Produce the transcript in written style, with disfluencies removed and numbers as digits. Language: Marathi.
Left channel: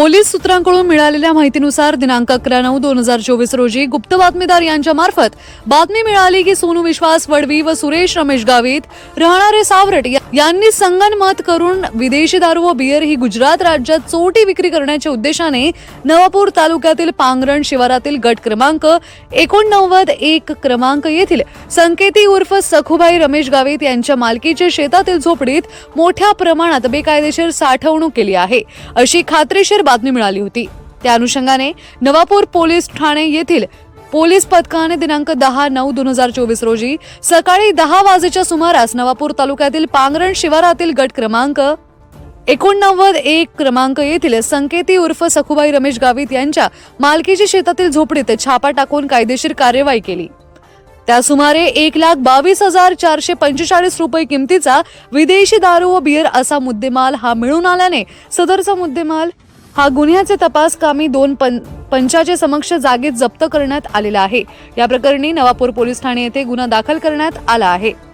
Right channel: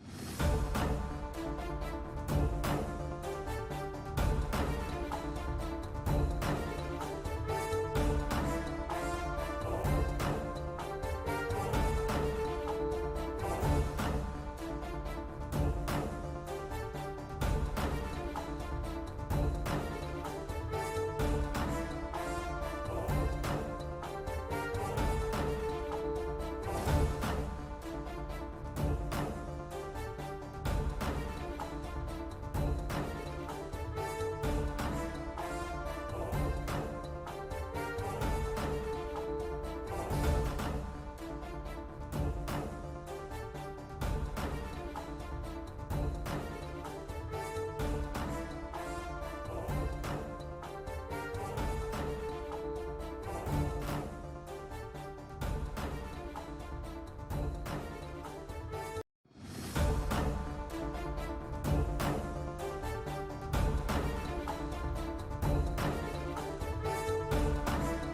पोलीस सूत्रांकडून मिळालेल्या माहितीनुसार दिनांक 11/9/2024 रोजी गुप्त बातमीदार यांच्या मार्फत बातमी मिळाली की सोनू विश्वास वडवी व सुरेश रमेश गावित राहणारे सावरट यांनी संगनमत करून विदेशी दारू व बियर ही गुजरात राज्यात चोरटी विक्री करण्याच्या उद्देशाने नवापूर तालुक्यातील पांगरण शिवारातील गट क्रमांक 89-1 क्रमांक येथील संकेती उर्फ सखुबाई रमेश गावित यांच्या मालकीच्या शेतातील झोपडीत मोठ्या प्रमाणात बेकायदेशीर साठवणूक केली आहे अशी खात्रीशीर बातमी मिळाली होती। त्या अनुषंगाने नवापूर पोलीस ठाणे येथील पोलीस पथकाने दिनांक 10/9/2024 रोजी सकाळी 10 वाजेच्या सुमारास नवापूर तालुक्यातील पांगरण शिवारातील गट क्रमांक 89-1 क्रमांक येथील संकेती उर्फ सखुबाई रमेश गावित यांच्या मालकीच्या शेतातील झोपडीत छापा टाकून कायदेशीर कार्यवाही केली। त्या सुमारे 1,22,445 रुपये किमतीचा विदेशी दारू व बियर असा मुद्देमाल हा मिळून आल्याने सदरचा मुद्देमाल हा गुन्ह्याचे तपास कामी 2 पंचाचे समक्ष जागेत जप्त करण्यात आलेला आहे। या प्रकरणी नवापूर पोलीस ठाणे येथे गुन्हा दाखल करण्यात आला आहे।